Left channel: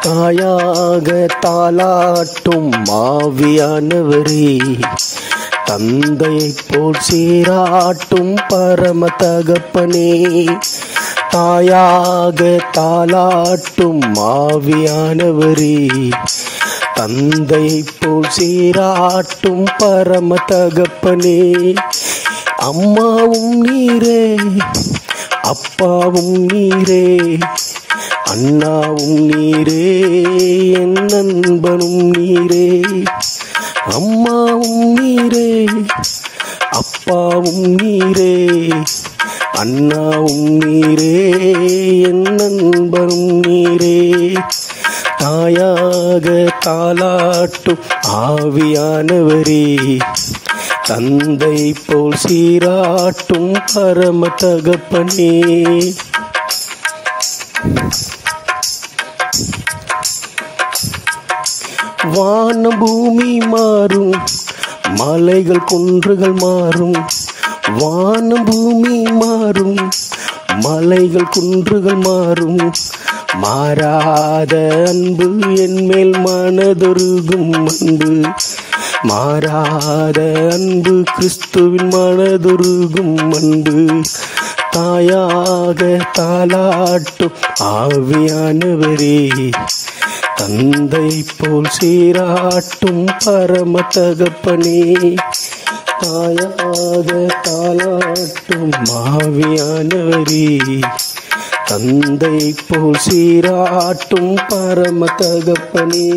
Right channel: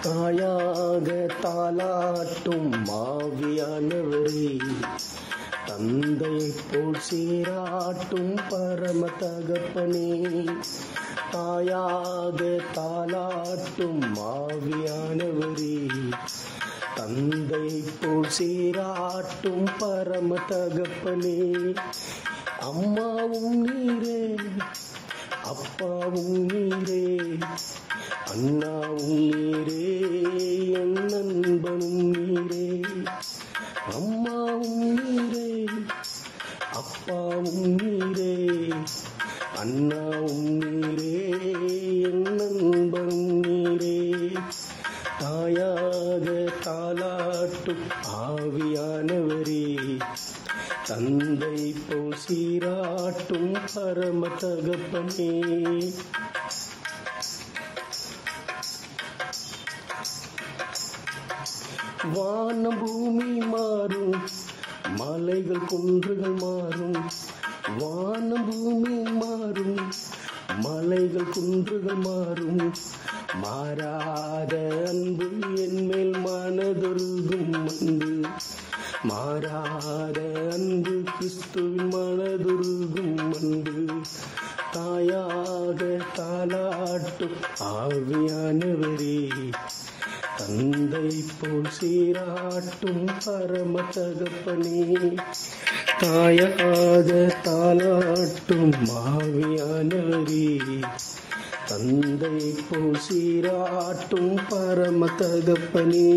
தாயாக தாலாட்டும் ஆவியானவரே, தந்தையைப் போல் சீராட்டும் பரம தகப்பனே. தாயாக தாலாட்டும் ஆவியானவரே, தந்தையைப் போல் சீராட்டும் பரம தகப்பனே. அம்மாவும் நீரே, அப்பாவும் நீரே, அண்ணாவும் நீரே, என் நண்பனும் நீரே. அம்மாவும் நீரே, அப்பாவும் நீரே, அண்ணாவும் நீரே, என் நண்பனும் நீரே. தாயாக தாலாட்டும் ஆவியானவரே, தந்தை போல் சீராட்டும் பரம தகப்பனே. வானம் பூமி மாறும், மலைகள் குன்றுகள் மாறும். வானம் பூமி மாறும், மலைகள் குன்றுகள் மாறும். மாறாத அன்பு என்மேல் மனதொருகும் அன்பு. மாறாத அன்பு கிறிஸ்துவின் மனதொருகும் அன்பு. தாயாக தாலாட்டும் ஆவியானவரே, தந்தை போல் சீராட்டும் பரம தகப்பனே. தாயாக தாலாட்டும் ஆவியானவரே, தந்தை போல் சீராட்டும் பரம தகப்பனே.